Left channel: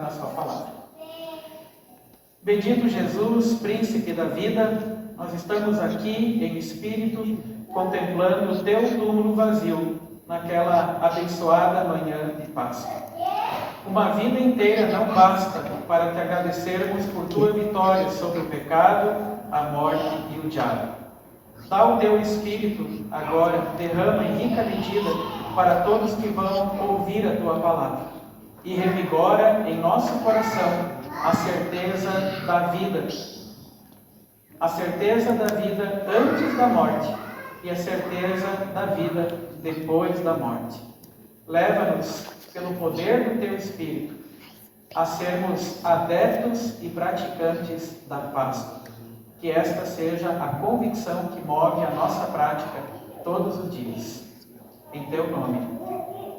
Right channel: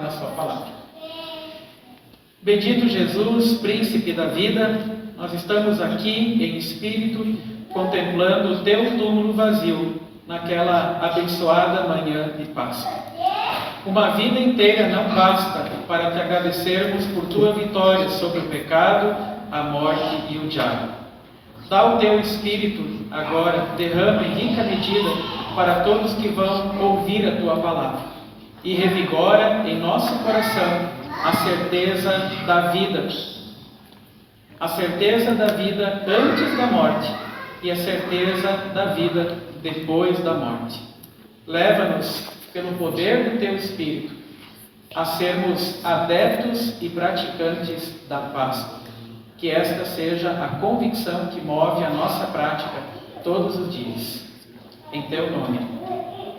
Na sua palavra. Bendito Jesus, príncipe da vida, nós estamos aqui em espírito, contemplando o teu túmulo vazio, naquela abençoada manhã de Páscoa. Uma vida inteira não basta para te agradecermos por tua vitória sobre o pecado, a morte e o diabo. Dá o teu espírito agora, derrama em rica medida para todos que vão ouvir a tua palavra. E revigora em nosso coração a certeza da vida antes da morte e a certeza da vida depois da morte. Leva-nos, pelo poder do Teu Espírito, a sermos adeptos e praticantes da Páscoa. Que esta seja a convicção que move a nossa prática todos os dias. Em Teu nome.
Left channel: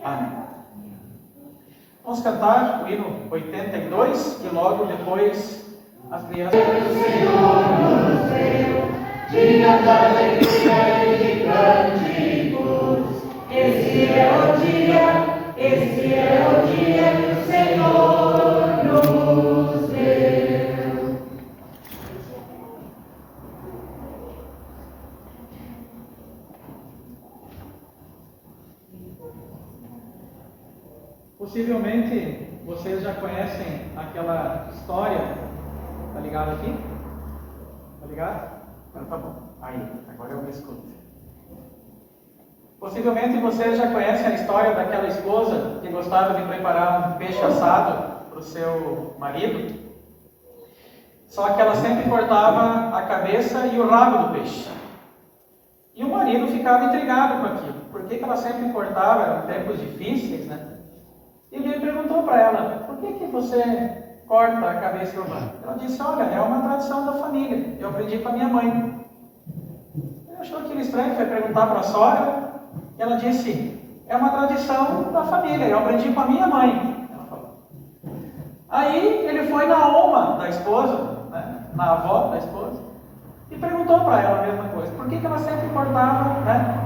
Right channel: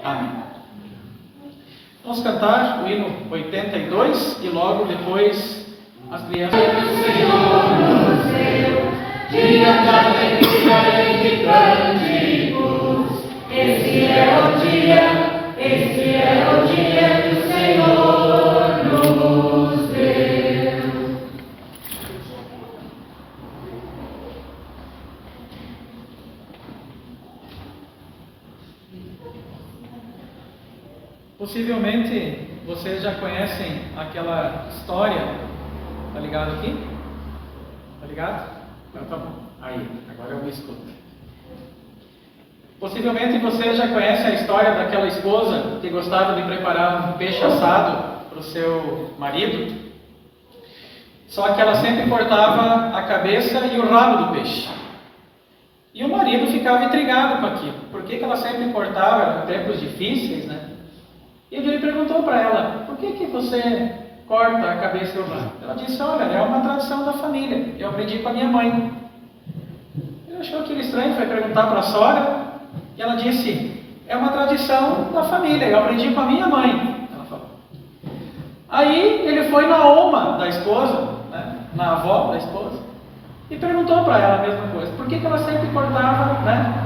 Amém. Vamos cantar o hino 82 e logo depois as crianças. O Senhor nos deu dia da alegria e de cânticos. Esse é o dia que o Senhor nos deu. Possivelmente vocês já conhecem aquela história. Tá ligado aqui? Tá ligado? Então tá bom. Aí, agora eu me escuto. Possivelmente vocês já conhecem a história daquela esposa que gostava de preparar um peixe assado para o seu marido. Só que ela sempre cortava a cabeça e o rabo do peixe. E o marido ficava intrigado com aquilo. Por que ela sempre cortava? Eram tempos difíceis, né? E ele perguntou para ela: por que você corta a cabeça e o rabo? Ela disse: olha, é uma tradição da família, eu aprendi com a minha mãe. Ele achou aquilo estranho, foi perguntar para a sogra, e ela disse: é uma tradição da família, eu aprendi com a minha mãe. Ela falou. Aí ele foi na oma da esposa, né, na avó da esposa, e perguntou para ela a mesma coisa: por que ela sempre cortava, né,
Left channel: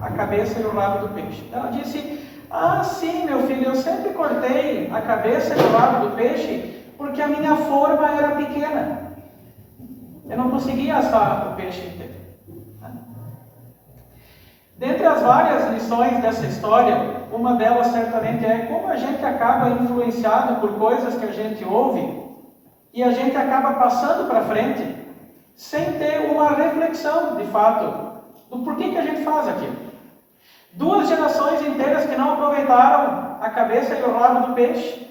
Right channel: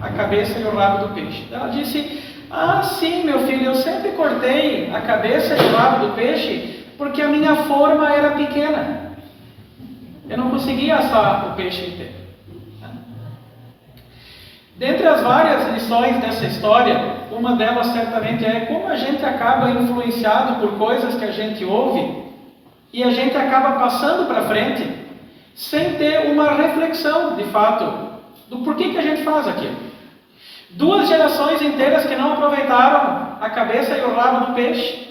a cabeça e o rabo do peixe? Ela disse: ah, sim, meu filho, eu sempre cortei a cabeça e o rabo do peixe porque a minha forma era pequena. Eu não conseguia assar o peixe inteiro. Dentre as várias lições dessa história, uma delas certamente é como a gente acaba influenciado por coisas que a gente ouve e a gente acaba passando para frente sem ter uma reflexão, de fato, do porquê que a gente faz aquilo. 2 gerações inteiras que não aproveitaram a cabeça e o rabo do peixe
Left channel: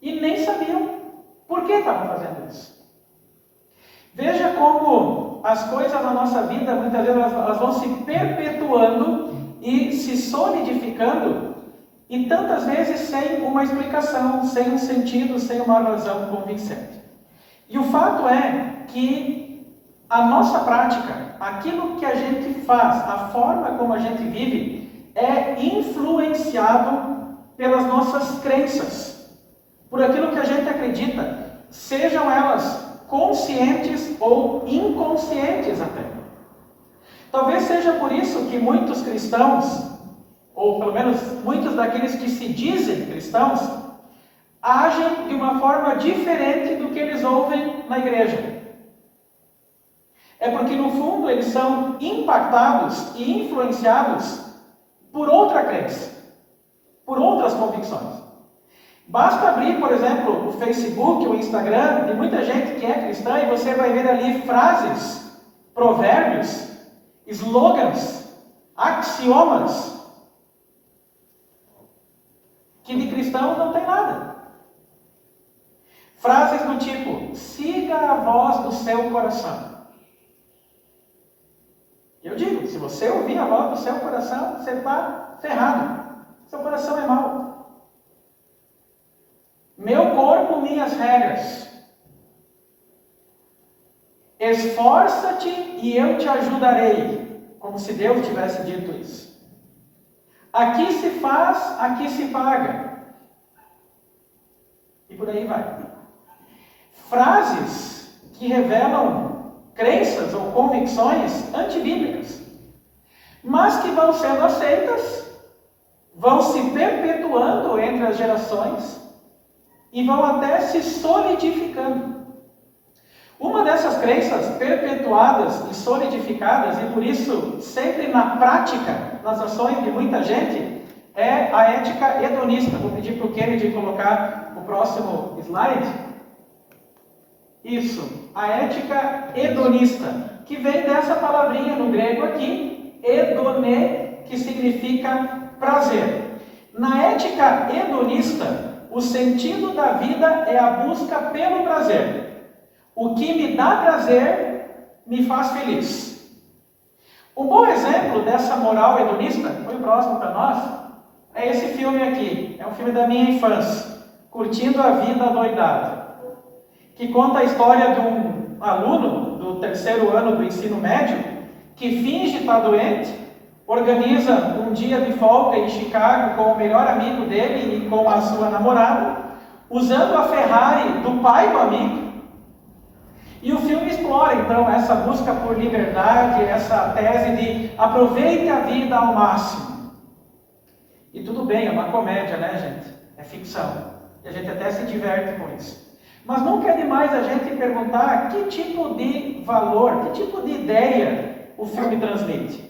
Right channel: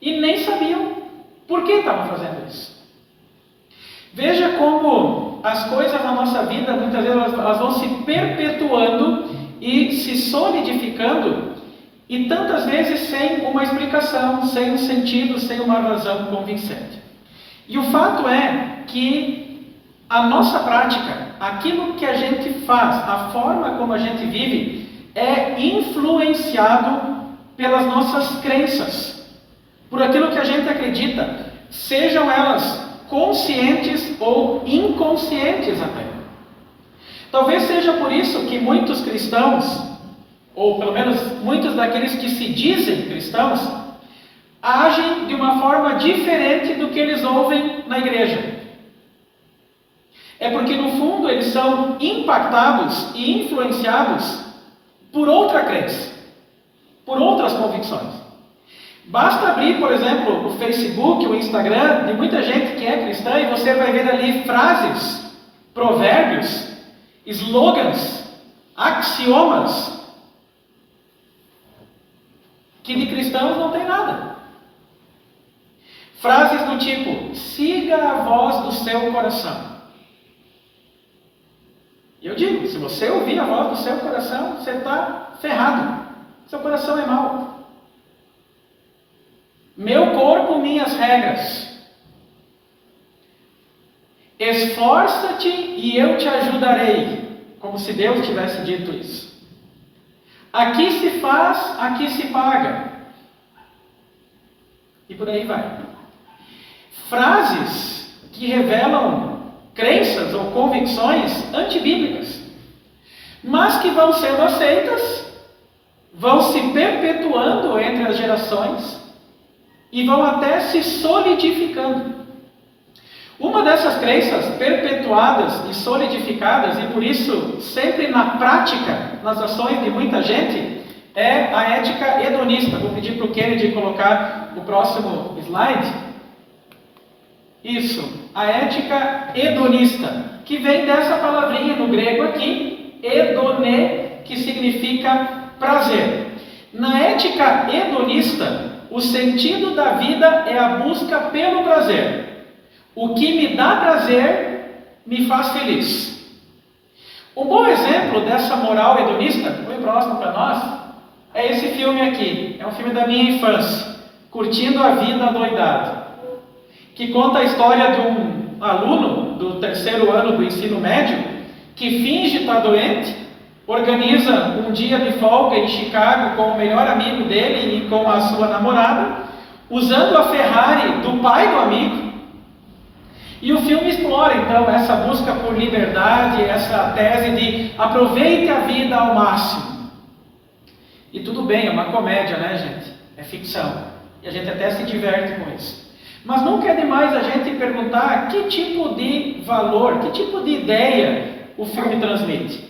e nem sabiam por que estavam fazendo isso. Veja como as coisas na nossa vida, muitas vezes elas vão se perpetuando e se solidificando, e tantas vezes sem uma explicação, sem um sentido, sem uma razão convincente. E o fato é que a nossa prática, aquilo que a gente faz, a forma como a gente vive, é influenciado pelas nossas crenças, por aquilo que a gente acredita, sejam elas conscientes ou inconscientes até. Talvez seja por isso que muitos cristãos, ou pelo menos muitos daqueles que se dizem cristãos, agem de uma forma diferente do que eles ouvem na igreja. É porque no fundo eles são impactados e influenciados por outra crença, por outras convicções. Basta abrir, por exemplo, o Facebook, o Instagram, de muita gente que é cristã, e você vai ver ali frases, provérbios, slogans, axiomas, que de cristãos não tem nada. Frases do tipo: siga a voz do seu coração. E eu digo, se você ouvir a voz do seu coração, você está ferrado. Seu coração é mau. Meu corpo, minhas regras. Esforça-te e eu te ajudarei. Como se Deus tivesse dito isso. Aqui se faz, aqui se paga. E por aí vai. Frases que revelam crenças ou convicções antibíblicas, mas que vão sendo aceitas, vão se perpetuando entre as gerações, e vão até se solidificando. Uma dessas crenças perpetuadas e solidificadas, e por isso sempre na prática, nas ações de muita gente, é a ética hedonista. Vou pedir para o Kennedy colocar o próximo slide. Isso, a ética hedonista, que vem dessa palavrinha no grego aqui, hedone, que significa prazer. Na ética hedonista, o sentido da vida é a busca pelo prazer. O que me dá prazer me faz feliz. Um bom exemplo dessa moral hedonista, muito próximo para nós, é esse filme aqui. É um filme da minha infância, Curtindo a Vida Adoidado, que conta a história de um aluno do 3º ano do ensino médio que finge estar doente, organiza um dia de folga em Chicago com o melhor amigo dele e com a sua namorada, usando a Ferrari do pai do amigo. E o filme explora, então, essa busca por liberdade, essa tese de aproveite a vida ao máximo. E tudo bem, é uma comédia, né, gente? É ficção. E a gente até se diverte com isso. Mas nunca é demais a gente perguntar que tipo de valor, que tipo de ideia o filme transmite.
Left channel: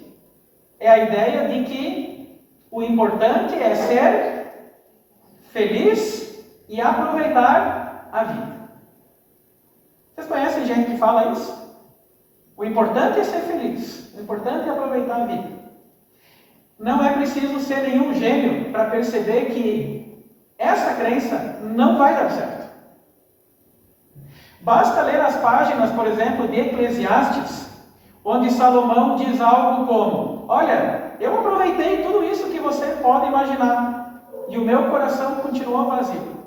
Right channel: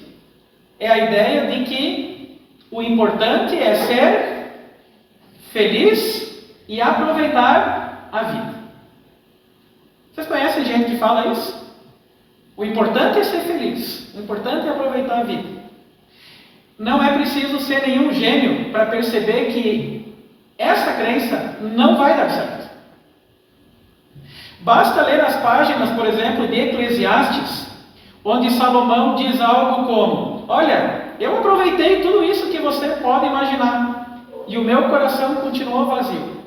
É a ideia de que o importante é ser feliz e aproveitar a vida. Vocês conhecem gente que fala isso? O importante é ser feliz. O importante é aproveitar a vida. Não é preciso ser nenhum gênio para perceber que essa crença não vai dar certo. Basta ler as páginas, por exemplo, de Eclesiastes, onde Salomão diz algo como: olha, eu aproveitei tudo isso que você pode imaginar, e o meu coração continuou vazio.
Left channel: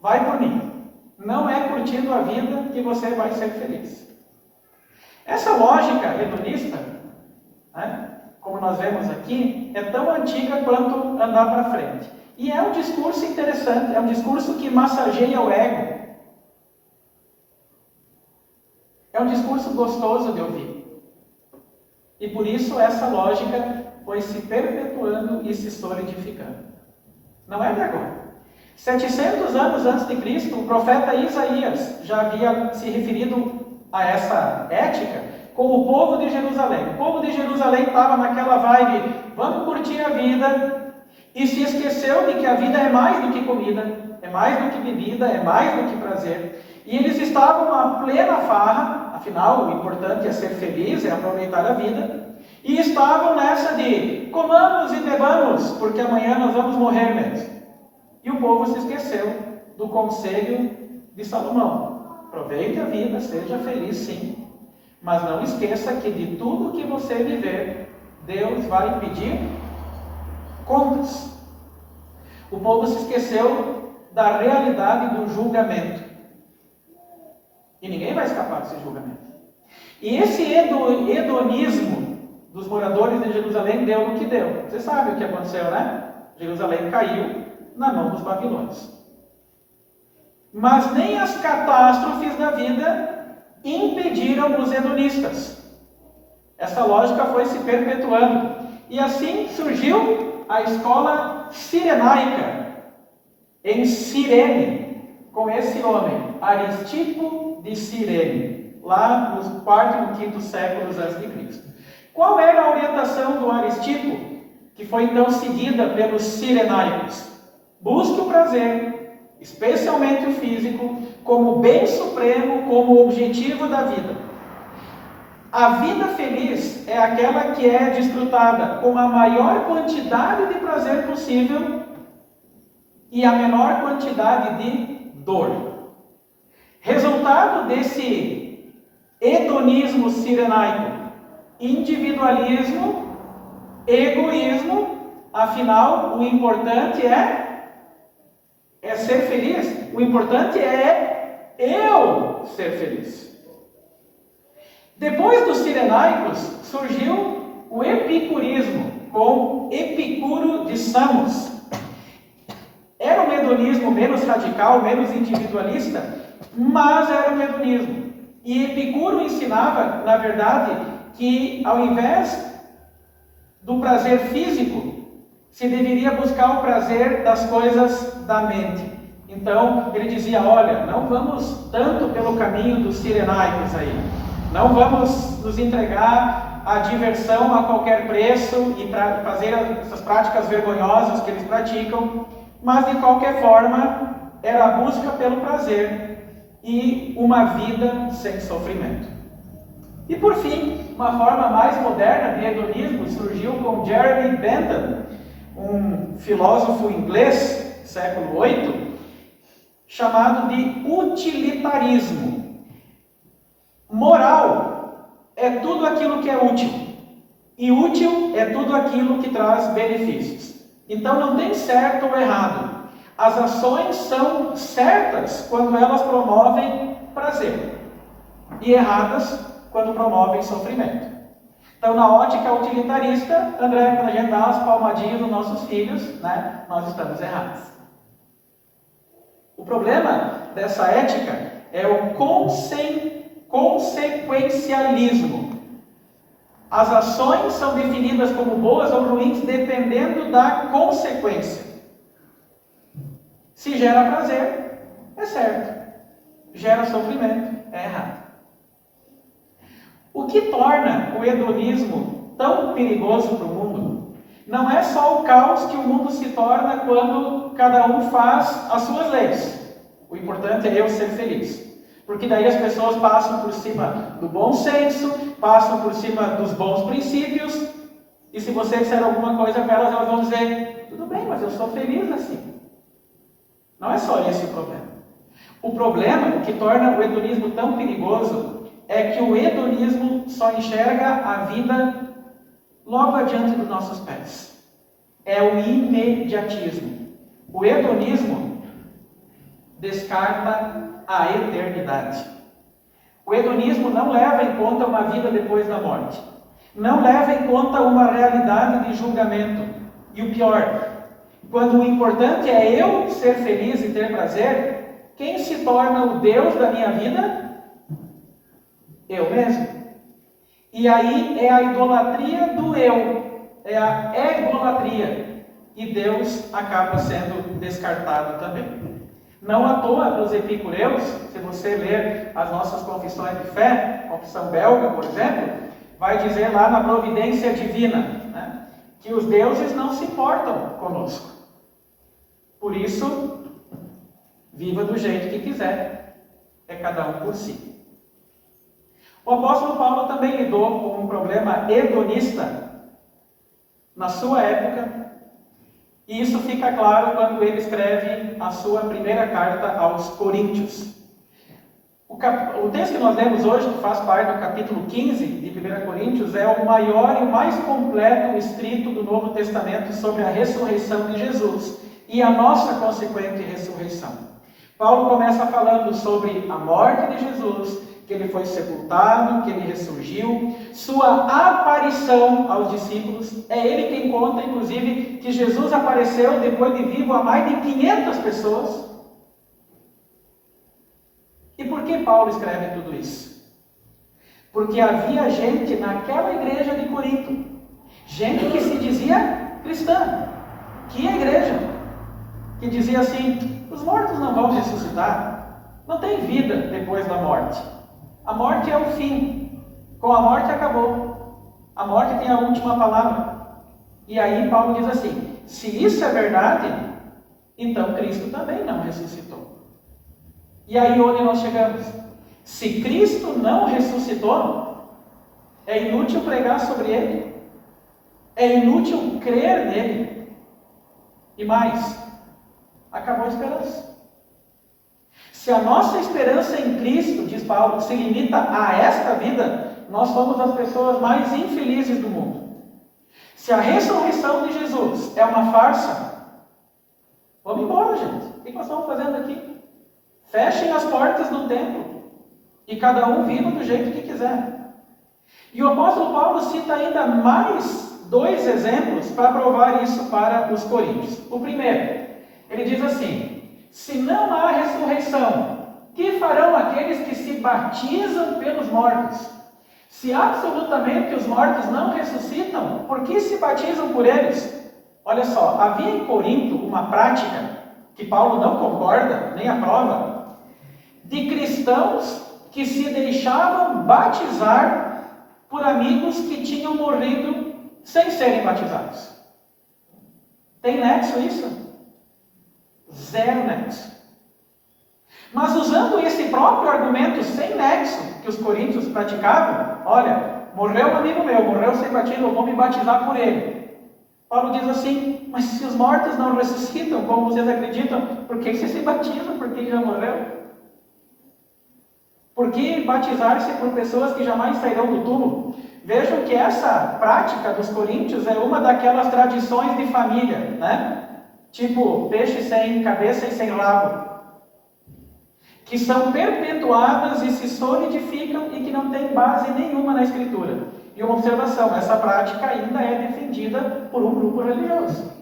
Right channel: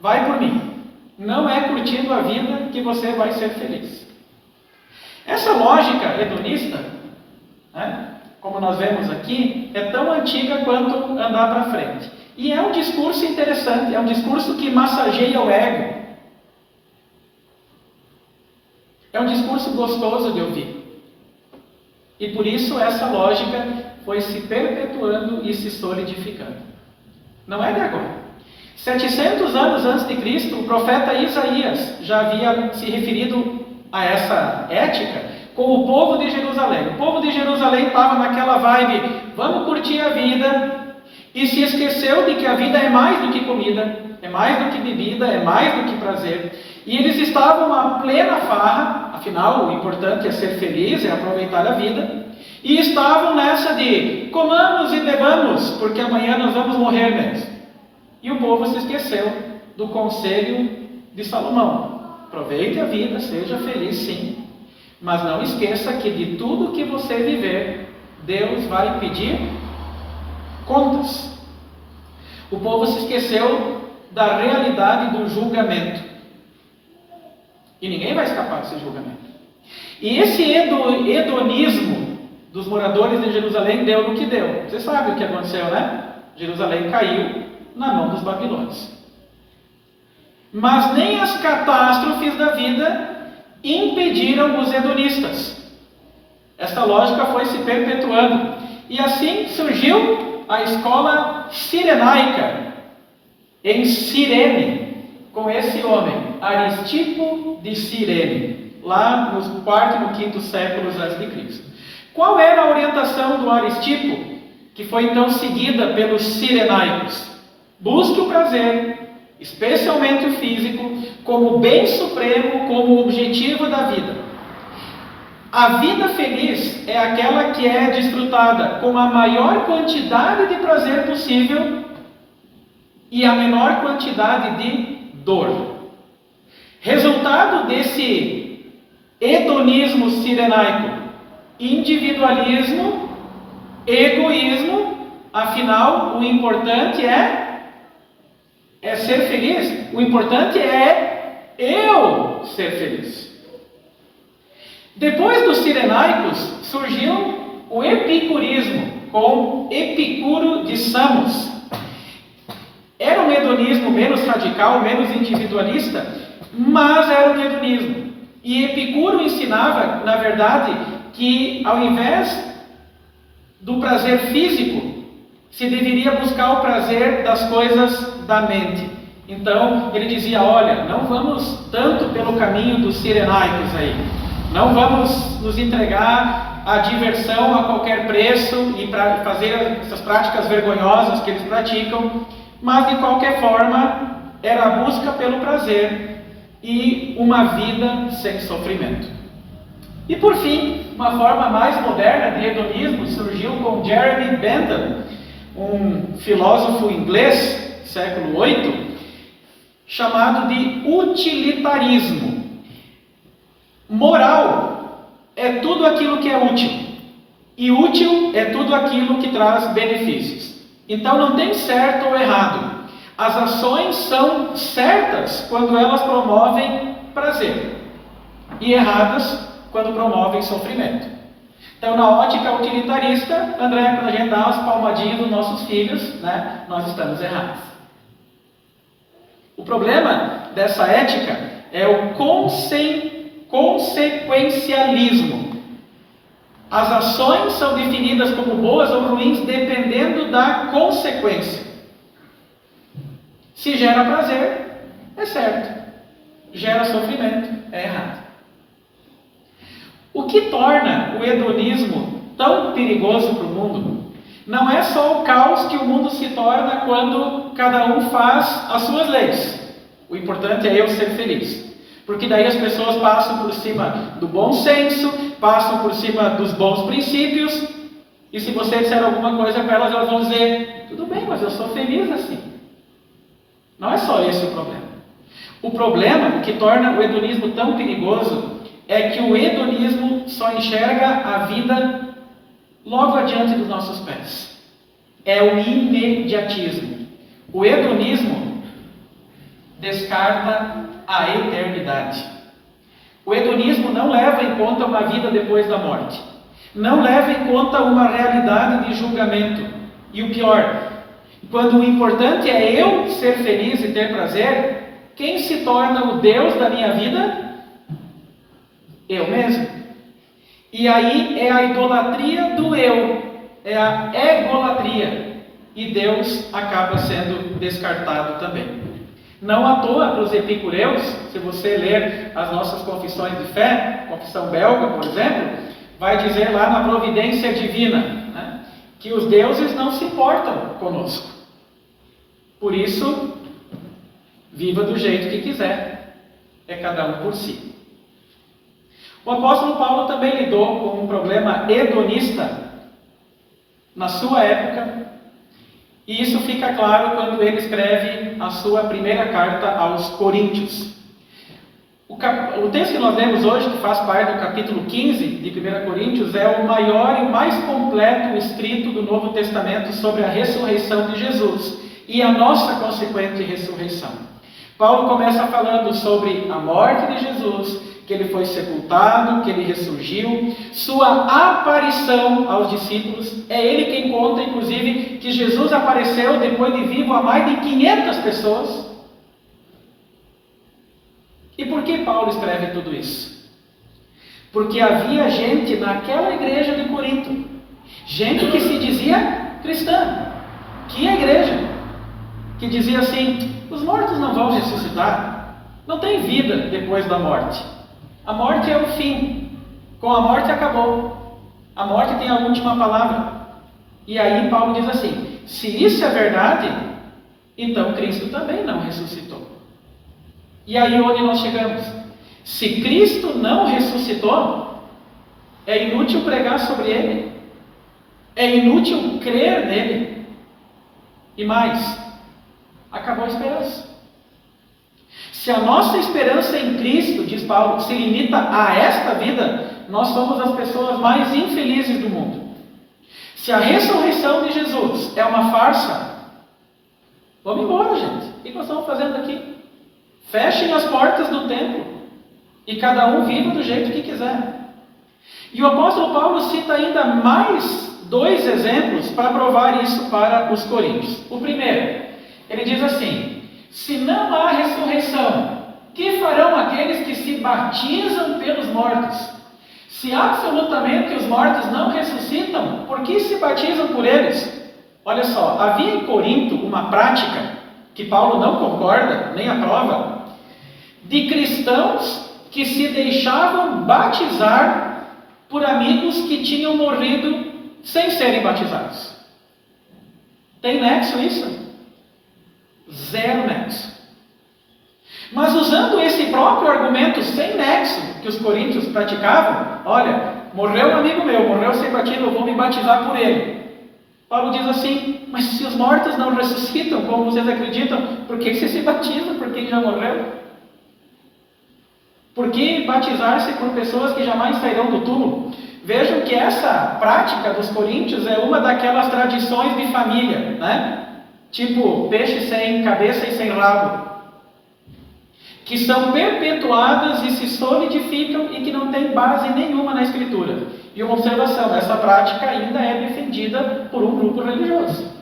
Vai por mim. Não é curtindo a vida que você vai ser feliz. Essa lógica hedonista, né, como nós vemos aqui, é tão antiga quanto andar para frente. E é um discurso interessante, é um discurso que massageia o ego. É um discurso gostoso de ouvir. E por isso essa lógica foi se perpetuando e se solidificando. Não é de agora. 700 anos antes de Cristo, o profeta Isaías já havia se referido a essa ética com o povo de Jerusalém. O povo de Jerusalém estava naquela vibe, vamos curtir a vida, e se esqueceu de que a vida é mais do que comida, é mais do que bebida, é mais do que prazer. E eles estavam à plena farra, afinal o importante é ser feliz, é aproveitar a vida, e estavam nessa de comamos e bebamos, porque amanhã nós vamos morrer mesmo. E o povo se esqueceu do conselho de Salomão. Aproveite a vida, seja feliz sim, mas não esqueça que de tudo que você viver, Deus vai pedir contas. O povo se esqueceu da realidade do julgamento. E ninguém vai escapar desse julgamento. E esse hedonismo dos moradores de Jerusalém deu no que deu. Você sabe o que aconteceu, né? Jerusalém caiu na mão dos babilônios. Mas nem as catástrofes da vida impediram os hedonistas. Essa lógica foi se perpetuando. E assim surgiu a escola cirenaica, em Cirene, com esse homem, Aristipo de Cirene, lá nos 4º e 5º séculos a.C. Qual era a orientação do Aristipo, que foi então seguida pelos cirenaicos? Busque o prazer, especialmente o físico, como bem supremo, como objetivo da vida. A vida feliz é aquela que é desfrutada com a maior quantidade de prazer possível e a menor quantidade de dor. Resultado desse hedonismo cirenaico: individualismo, egoísmo. Afinal, o importante é ser feliz. O importante é eu ser feliz. Depois dos cirenaicos surgiu o epicurismo, com Epicuro de Samos. Era um hedonismo menos radical, menos individualista, mas era um hedonismo. E Epicuro ensinava, na verdade, que ao invés do prazer físico, se deveria buscar o prazer das coisas da mente. Então ele dizia: olha, não vamos tanto pelo caminho dos cirenaicos aí, não vamos nos entregar à diversão a qualquer preço e para fazer essas práticas vergonhosas que eles praticam, mas de qualquer forma era a busca pelo prazer e uma vida sem sofrimento. E por fim, uma forma mais moderna de hedonismo surgiu com Jeremy Bentham, um filósofo inglês, século VIII, chamado de utilitarismo. Moral é tudo aquilo que é útil, e útil é tudo aquilo que traz benefícios. Então não tem certo ou errado. As ações são certas quando elas promovem prazer, e erradas quando promovem sofrimento. Então, na ótica utilitarista, André, quando a gente dá umas palmadinhas nos nossos filhos, né, nós estamos errados. O problema dessa ética é o consequencialismo. As ações são definidas como boas ou ruins dependendo da consequência. Se gera prazer, é certo. Gera sofrimento, é errado. O que torna o hedonismo tão perigoso para o mundo não é só o caos que o mundo se torna quando cada um faz as suas leis. O importante é eu ser feliz. Porque daí as pessoas passam por cima do bom senso, passam por cima dos bons princípios, e se você disser alguma coisa para elas, elas vão dizer: tudo bem, mas eu sou feliz assim. Não é só esse o problema. O problema, o que torna o hedonismo tão perigoso, é que o hedonismo só enxerga a vida logo adiante dos nossos pés. É o imediatismo. O hedonismo descarta a eternidade. O hedonismo não leva em conta uma vida depois da morte. Não leva em conta uma realidade de julgamento. E o pior, quando o importante é eu ser feliz e ter prazer, quem se torna o Deus da minha vida? Eu mesmo. E aí é a idolatria do eu, é a egolatria, e Deus acaba sendo descartado também. Não à toa, para os epicureus, se você ler as nossas confissões de fé, confissão belga, por exemplo, vai dizer lá na providência divina, né, que os deuses não se importam conosco. Por isso, viva do jeito que quiser, é cada um por si. O apóstolo Paulo também lidou com um problema hedonista na sua época, e isso fica claro quando ele escreve a sua primeira carta aos Coríntios. O texto que nós lemos hoje, que faz parte do capítulo 15 de 1 Coríntios, é o maior e mais completo escrito do Novo Testamento sobre a ressurreição de Jesus e a nossa consequente ressurreição. Paulo começa falando sobre a morte de Jesus, que ele foi sepultado, que ele ressurgiu, sua aparição aos discípulos. É ele quem conta, inclusive, que Jesus apareceu depois de vivo a mais de 500 pessoas. E por que Paulo escreve tudo isso? Porque havia gente naquela igreja de Corinto, gente que se dizia cristã. Que igreja? Que dizia assim: os mortos não vão ressuscitar, não tem vida depois da morte. A morte é o fim. Com a morte acabou. A morte tem a última palavra. E aí Paulo diz assim: se isso é verdade, então Cristo também não ressuscitou. E aí onde nós chegamos? Se Cristo não ressuscitou, é inútil pregar sobre Ele. É inútil crer nele. E mais, acabou a esperança. Se a nossa esperança em Cristo, diz Paulo, se limita a esta vida, nós somos as pessoas mais infelizes do mundo. Se a ressurreição de Jesus é uma farsa, vamos embora, gente. O que nós estamos fazendo aqui? Fechem as portas do templo e cada um viva do jeito que quiser. E o apóstolo Paulo cita ainda mais 2 exemplos para provar isso para os coríntios. O primeiro, ele diz assim: se não há ressurreição, que farão aqueles que se batizam pelos mortos? Se absolutamente os mortos não ressuscitam, por que se batizam por eles? Olha só, havia em Corinto uma prática que Paulo não concorda, nem aprova, de cristãos que se deixavam batizar por amigos que tinham morrido sem serem batizados. Tem nexo isso? Zero nexo. Mas usando esse próprio argumento sem nexo que os coríntios praticavam, olha, morreu um amigo meu, morreu sem batismo, eu vou me batizar por ele. Paulo diz assim, mas se os mortos não ressuscitam, como vocês acreditam, por que você se batiza? Por que já morreu? Por que batizar-se por pessoas que jamais sairão do túmulo? Vejam que essa prática dos coríntios é uma daquelas tradições de família, né? Tipo peixe sem cabeça e sem rabo, que são perpetuadas e se solidificam e que não tem base nenhuma na Escritura. E uma observação, essa prática ainda é defendida por um grupo religioso.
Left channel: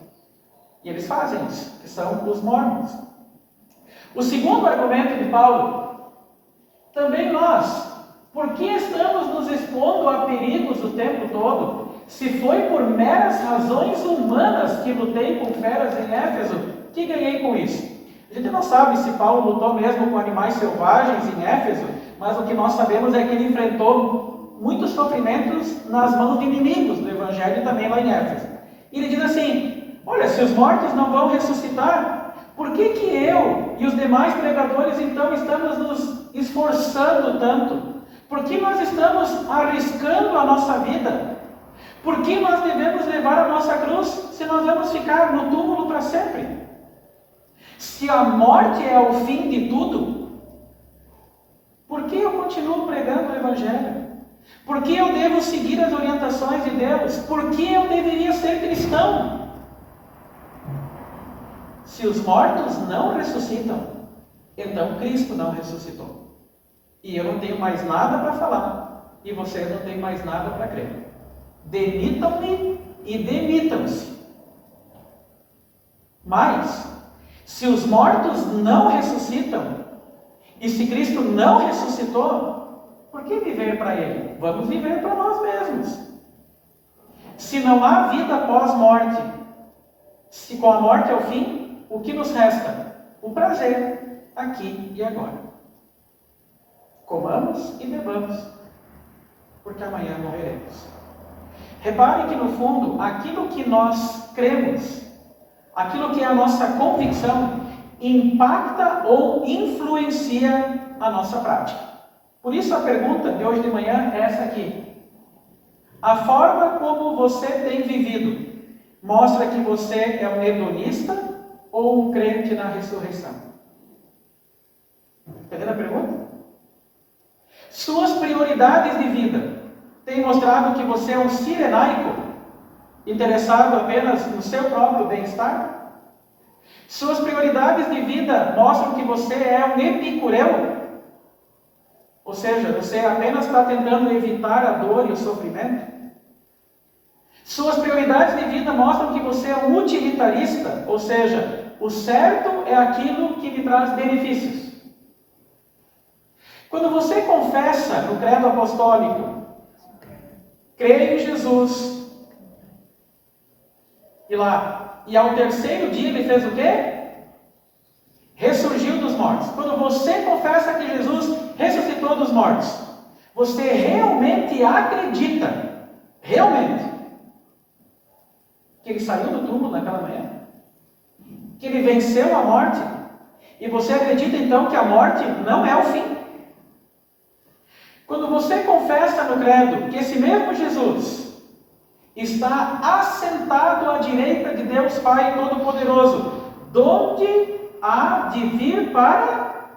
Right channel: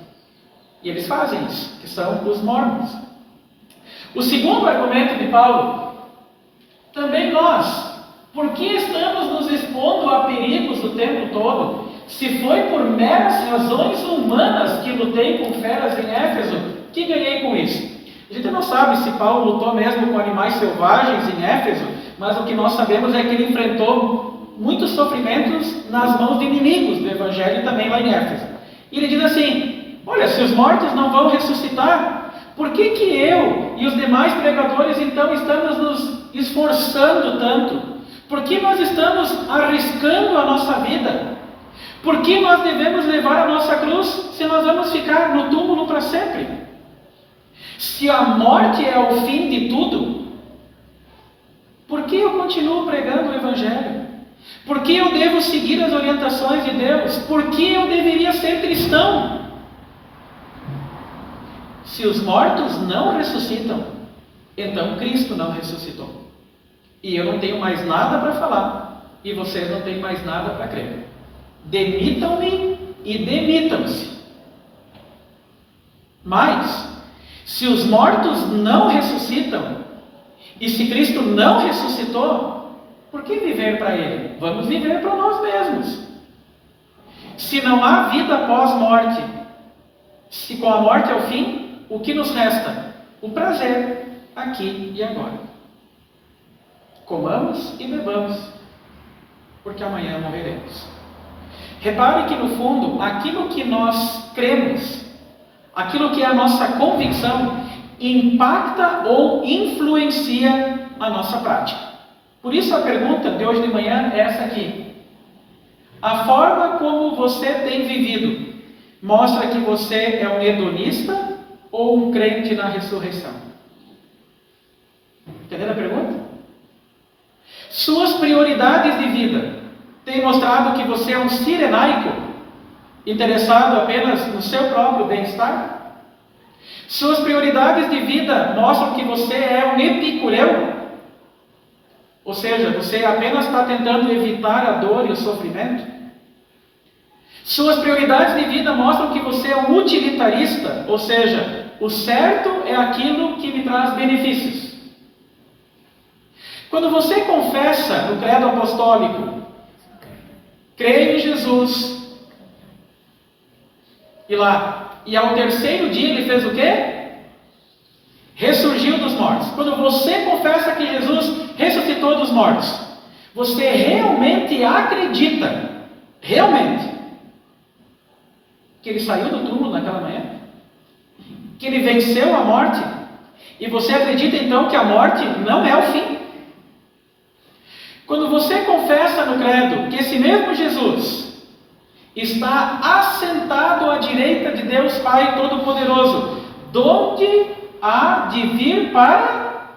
E eles fazem isso, que são os mormons. O segundo argumento de Paulo, também nós, por que estamos nos expondo a perigos o tempo todo? Se foi por meras razões humanas que lutei com feras em Éfeso, que ganhei com isso? A gente não sabe se Paulo lutou mesmo com animais selvagens em Éfeso, mas o que nós sabemos é que ele enfrentou muitos sofrimentos nas mãos de inimigos do Evangelho também lá em Éfeso. E ele diz assim, olha, se os mortos não vão ressuscitar, por que que eu e os demais pregadores então estamos nos esforçando tanto? Por que nós estamos arriscando a nossa vida? Por que nós devemos levar a nossa cruz se nós vamos ficar no túmulo para sempre? Se a morte é o fim de tudo, por que eu continuo pregando o Evangelho? Por que eu devo seguir as orientações de Deus? Por que eu deveria ser cristão? Se os mortos não ressuscitam, então Cristo não ressuscitou. E eu não tenho mais nada para falar, e vocês não têm mais nada para crer. Demitam-me e demitam-se. Mas, se os mortos não ressuscitam, e se Cristo não ressuscitou, por que viver para Ele? Vamos viver para nós mesmos. Se não há vida após morte, se com a morte é o fim, o que nos resta? O prazer, aqui e agora. Comamos e bebamos, porque amanhã morreremos. Repare que no fundo, aquilo que nós cremos, aquilo que é a nossa convicção, impacta ou influencia a nossa prática. Por isso a pergunta de hoje de manhã é essa aqui. A forma como você tem vivido mostra que você é um hedonista ou um crente na ressurreição? Entendeu a pergunta? Suas prioridades de vida têm mostrado que você é um cirenaico, interessado apenas no seu próprio bem-estar? Suas prioridades de vida mostram que você é um epicureu? Ou seja, você apenas está tentando evitar a dor e o sofrimento? Suas prioridades de vida mostram que você é um utilitarista, ou seja, o certo é aquilo que me traz benefícios. Quando você confessa no credo apostólico, creio em Jesus, e ao terceiro dia ele fez o quê? Ressurgiu dos mortos. Quando você confessa que Jesus ressuscitou dos mortos, você realmente acredita, que ele saiu do túmulo naquela manhã? Que ele venceu a morte? E você acredita então que a morte não é o fim? Quando você confessa no credo que esse mesmo Jesus está assentado à direita de Deus Pai Todo-Poderoso, donde há de vir para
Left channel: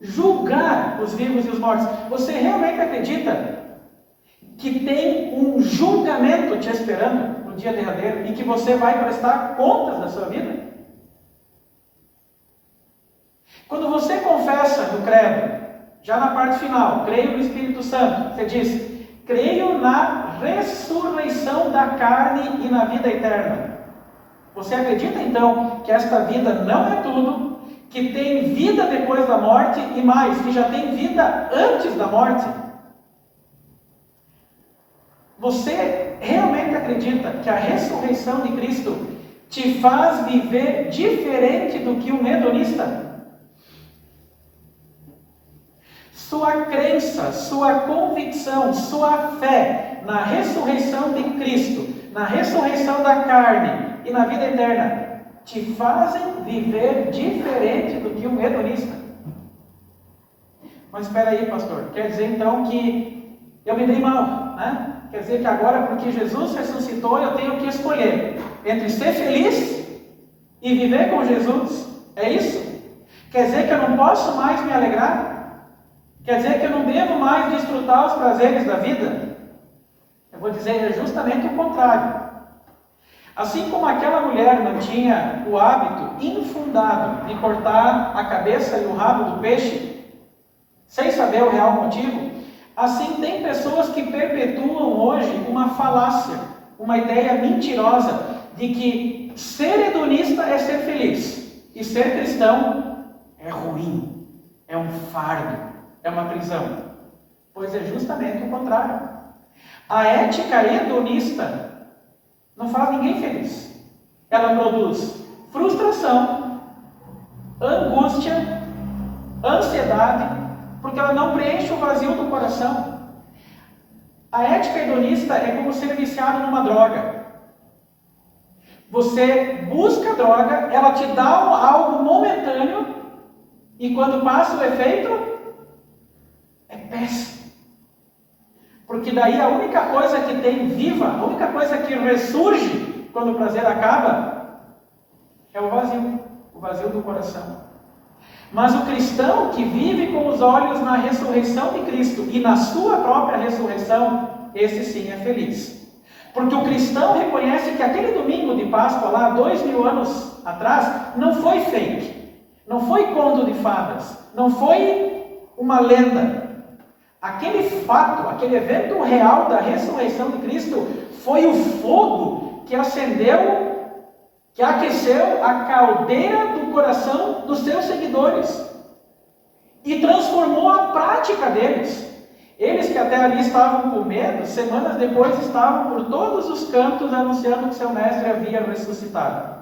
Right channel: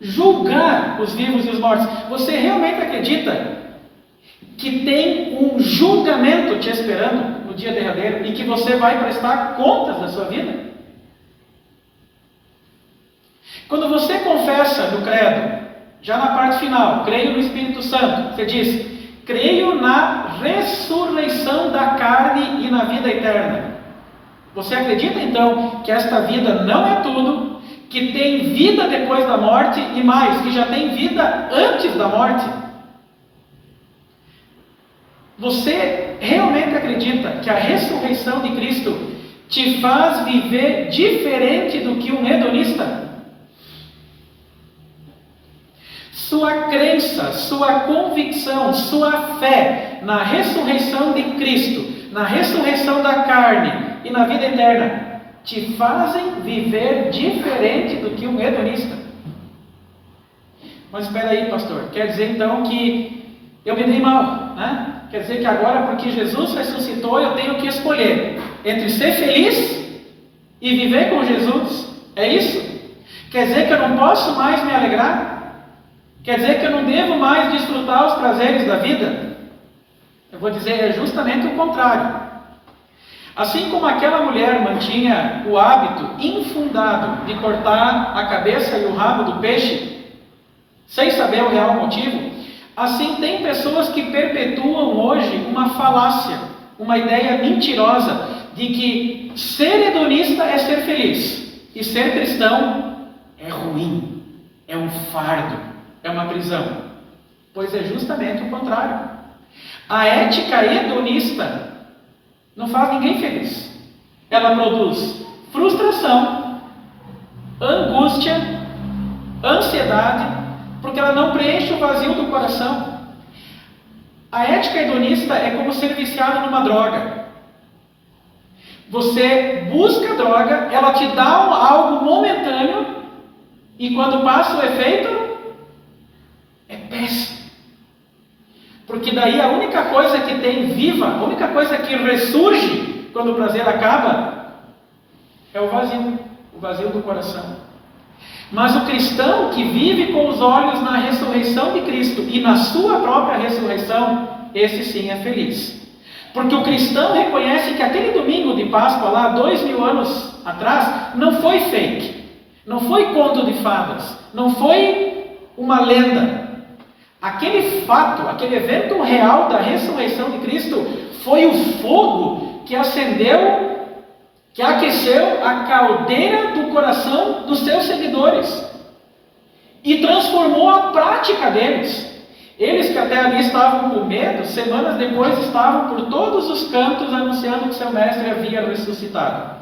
julgar os vivos e os mortos, você realmente acredita que tem um julgamento te esperando no dia derradeiro e que você vai prestar contas da sua vida? Quando você confessa no credo, já na parte final, creio no Espírito Santo, você diz, creio na ressurreição da carne e na vida eterna. Você acredita então que esta vida não é tudo, que tem vida depois da morte e mais, que já tem vida antes da morte? Você realmente acredita que a ressurreição de Cristo te faz viver diferente do que um hedonista? Sua crença, sua convicção, sua fé na ressurreição de Cristo, na ressurreição da carne e na vida eterna, te fazem viver diferente do que um hedonista. Mas espera aí, pastor, quer dizer então que eu me dei mal, né? Quer dizer que agora, porque Jesus ressuscitou, eu tenho que escolher entre ser feliz e viver com Jesus? É isso? Quer dizer que eu não posso mais me alegrar? Quer dizer que eu não devo mais desfrutar os prazeres da vida? Eu vou dizer, é justamente o contrário. Assim como aquela mulher mantinha o hábito infundado de cortar a cabeça e o rabo do peixe, sem saber o real motivo, assim tem pessoas que perpetuam hoje uma falácia, uma ideia mentirosa de que ser hedonista é ser feliz e ser cristão é ruim, é um fardo, é uma prisão. Pois é justamente o contrário. A ética hedonista não faz ninguém feliz. Ela produz frustração, angústia, ansiedade, porque ela não preenche o vazio do coração. A ética hedonista é como ser viciado numa droga. Você busca a droga, ela te dá algo momentâneo, e quando passa o efeito, é péssimo. Porque daí a única coisa que tem viva, a única coisa que ressurge quando o prazer acaba, é o vazio do coração. Mas o cristão que vive com os olhos na ressurreição de Cristo e na sua própria ressurreição, esse sim é feliz. Porque o cristão reconhece que aquele domingo de Páscoa lá, 2000 anos atrás, não foi fake, não foi conto de fadas, não foi uma lenda. Aquele fato, aquele evento real da ressurreição de Cristo foi o fogo que acendeu, que aqueceu a caldeira do coração dos seus seguidores e transformou a prática deles. Eles que até ali estavam com medo, semanas depois estavam por todos os cantos anunciando que seu mestre havia ressuscitado.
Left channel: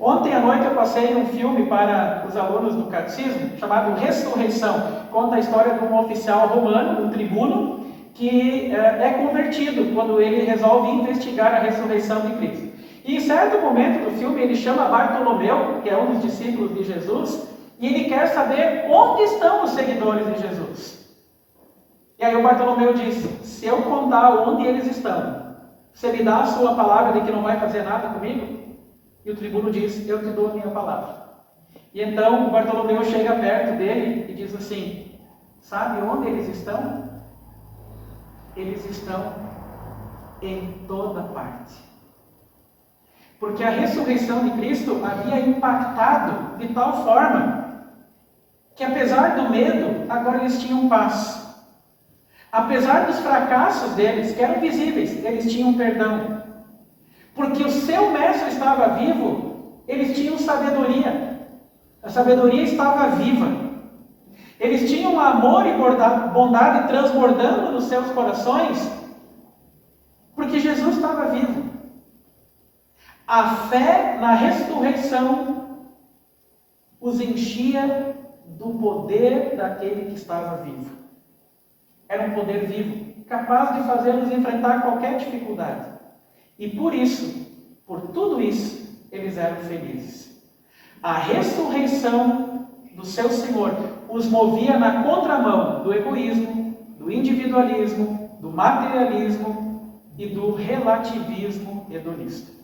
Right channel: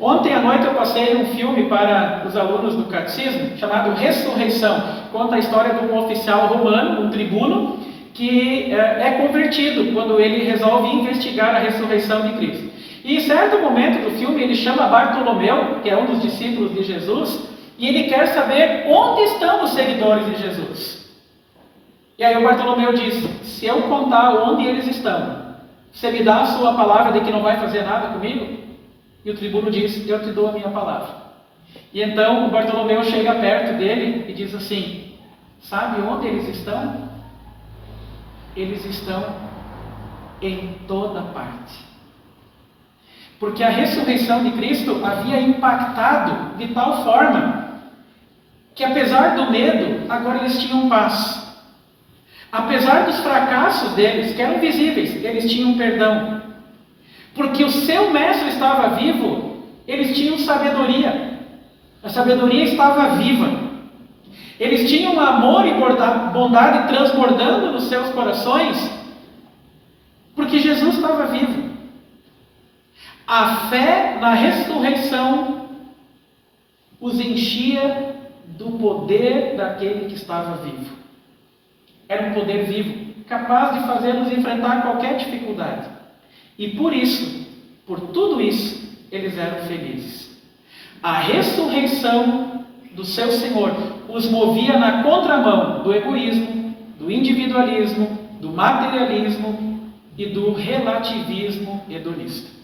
Ontem à noite eu passei um filme para os alunos do catecismo, chamado Ressurreição. Conta a história de um oficial romano, um tribuno, que é convertido quando ele resolve investigar a ressurreição de Cristo. E em certo momento do filme ele chama Bartolomeu, que é um dos discípulos de Jesus, e ele quer saber onde estão os seguidores de Jesus. E aí o Bartolomeu diz, se eu contar onde eles estão, você me dá a sua palavra de que não vai fazer nada comigo? E o tribuno diz, eu te dou a minha palavra. E então o Bartolomeu chega perto dele e diz assim, sabe onde eles estão? Eles estão em toda parte. Porque a ressurreição de Cristo havia impactado de tal forma que, apesar do medo, agora eles tinham paz. Apesar dos fracassos deles, que eram visíveis, eles tinham perdão. Porque o seu mestre estava vivo, eles tinham sabedoria. A sabedoria estava viva. Eles tinham amor e bondade transbordando nos seus corações, porque Jesus estava vivo. A fé na ressurreição os enchia do poder daquele que estava vivo. Era um poder vivo, capaz de fazê-los enfrentar qualquer dificuldade. E por isso, por tudo isso, eles eram felizes. A ressurreição do seu Senhor os movia na contramão do egoísmo, do individualismo, do materialismo e do relativismo hedonista.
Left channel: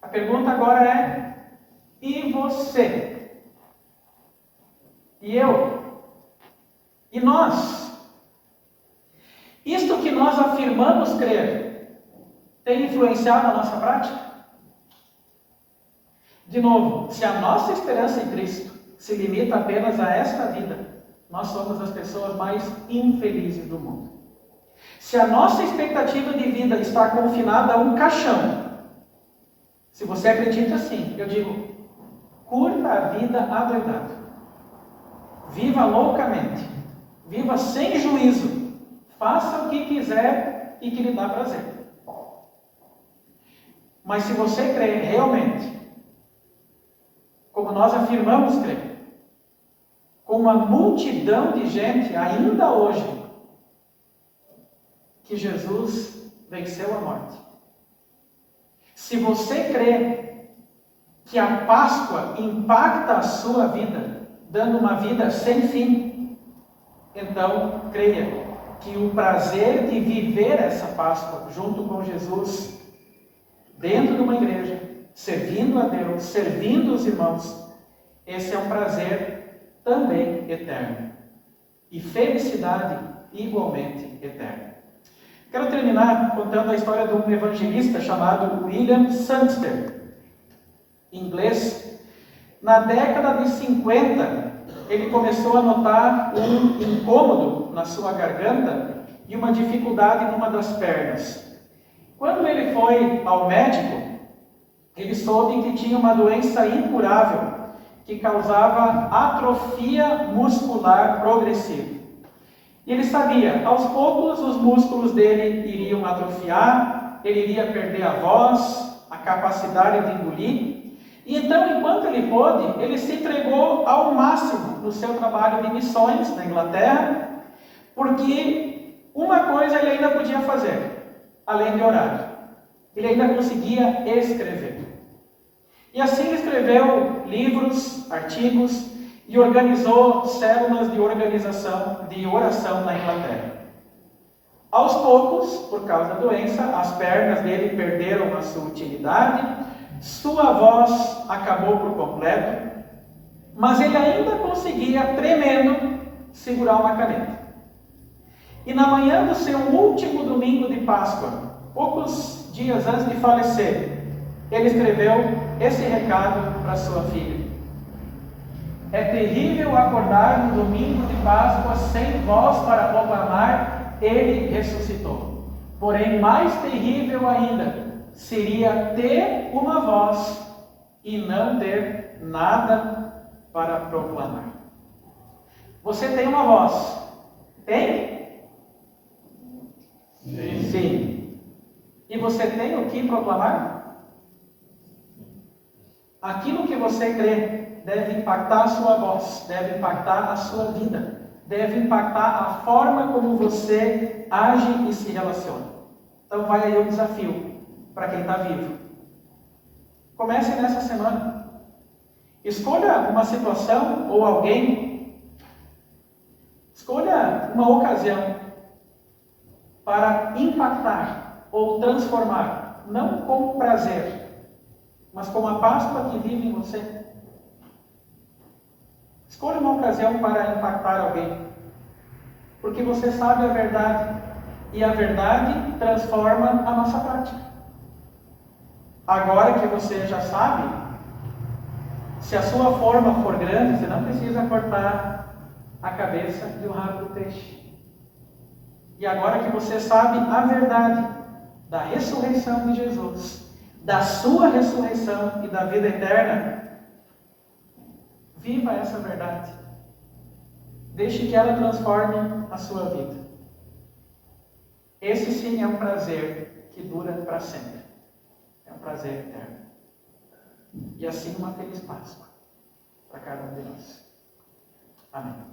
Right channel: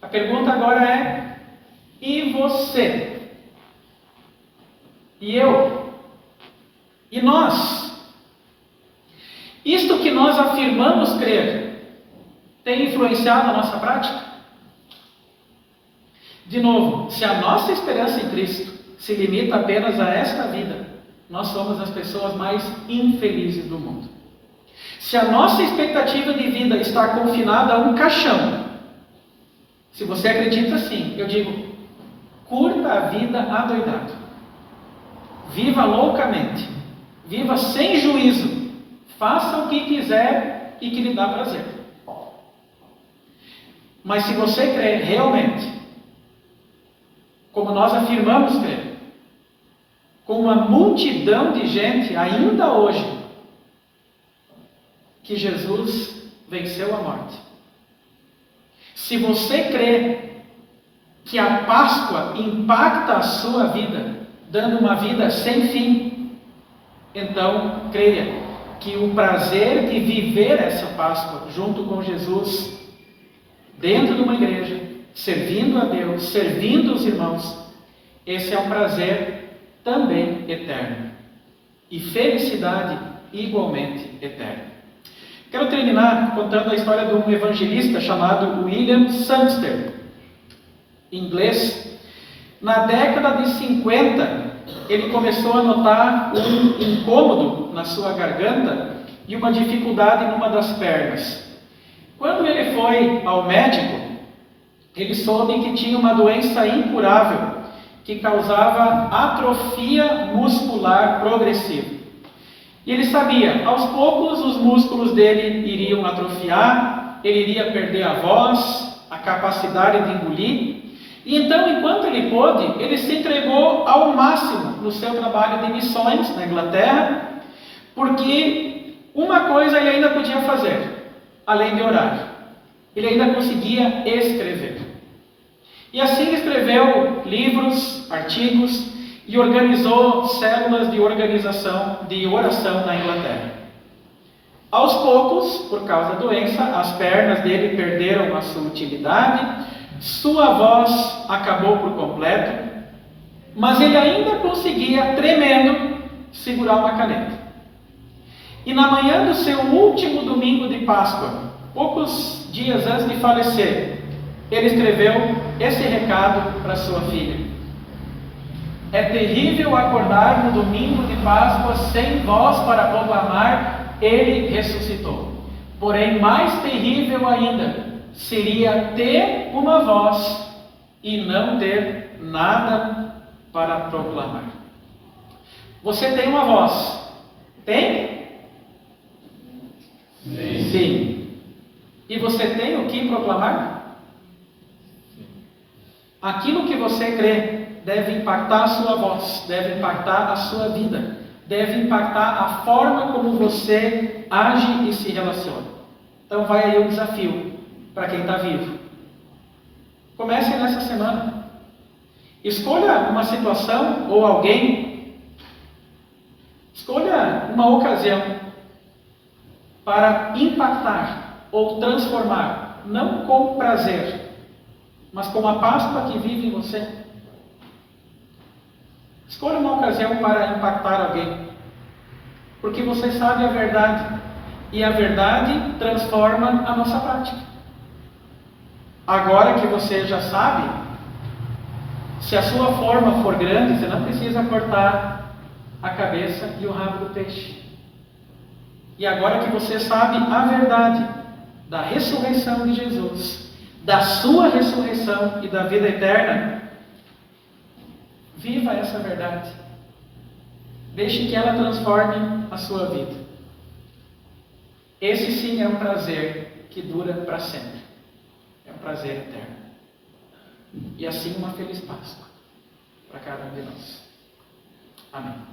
A pergunta agora é, e você? E eu? E nós? Isto que nós afirmamos crer, tem influenciado a nossa prática? De novo, se a nossa esperança em Cristo se limita apenas a esta vida, nós somos as pessoas mais infelizes do mundo. Se a nossa expectativa de vida está confinada a um caixão, se você acredita assim, eu digo, curta a vida adoidado. Viva loucamente. Viva sem juízo. Faça o que quiser e que lhe dá prazer. Mas se você crê realmente como nós afirmamos crer, com uma multidão de gente ainda hoje, que Jesus venceu a morte. Se você crê que a Páscoa impacta a sua vida, dando uma vida sem fim, então creia que o prazer de viver essa Páscoa junto com Jesus, dentro de uma igreja, servindo a Deus, servindo os irmãos, esse é um prazer também eterno. E felicidade igualmente eterna. Quero terminar contando a história de um evangelista chamado William Sangster, inglês. Na década de 50, ele começou a notar um incômodo na sua garganta e uma dificuldade numa das pernas. Quando ele foi ao médico, ele soube que tinha uma doença incurável que causava atrofia muscular progressiva. E ele sabia, aos poucos os músculos dele iriam atrofiar, ele iria perder a voz, a capacidade de engolir. E então, enquanto ele pôde, ele se entregou ao máximo no seu trabalho de missões na Inglaterra, porque uma coisa ele ainda podia fazer, além de orar. Ele ainda conseguia escrever. E assim ele escreveu livros, artigos e organizou células de organização de oração na Inglaterra. Aos poucos, por causa da doença, as pernas dele perderam a sua utilidade, sua voz acabou por completo, mas ele ainda conseguia, tremendo, segurar uma caneta. E na manhã do seu último domingo de Páscoa, poucos dias antes de falecer, ele escreveu esse recado para sua filha: é terrível acordar no domingo de Páscoa sem voz para proclamar, ele ressuscitou. Porém, mais terrível ainda seria ter uma voz e não ter nada para proclamar. Você tem uma voz? Tem? Sim. Sim. E você tem o que proclamar? Aquilo que você crê deve impactar a sua voz, deve impactar a sua vida, deve impactar a forma como você age e se relaciona. Então vai aí o desafio para quem está vivo. Comece nessa semana. Escolha uma situação ou alguém, escolha uma ocasião para impactar ou transformar, não com prazer, mas com a Páscoa que vive em você. Escolha uma ocasião para impactar alguém, porque você sabe a verdade, e a verdade transforma a nossa prática. Agora que você já sabe, se a sua forma for grande, você não precisa cortar a cabeça e o rabo do peixe. E agora que você sabe a verdade da ressurreição de Jesus, da sua ressurreição e da vida eterna, viva essa verdade. Deixe que ela transforme a sua vida. Esse sim é um prazer que dura para sempre. É um prazer eterno. E assim uma feliz Páscoa para cada um de nós. Amém.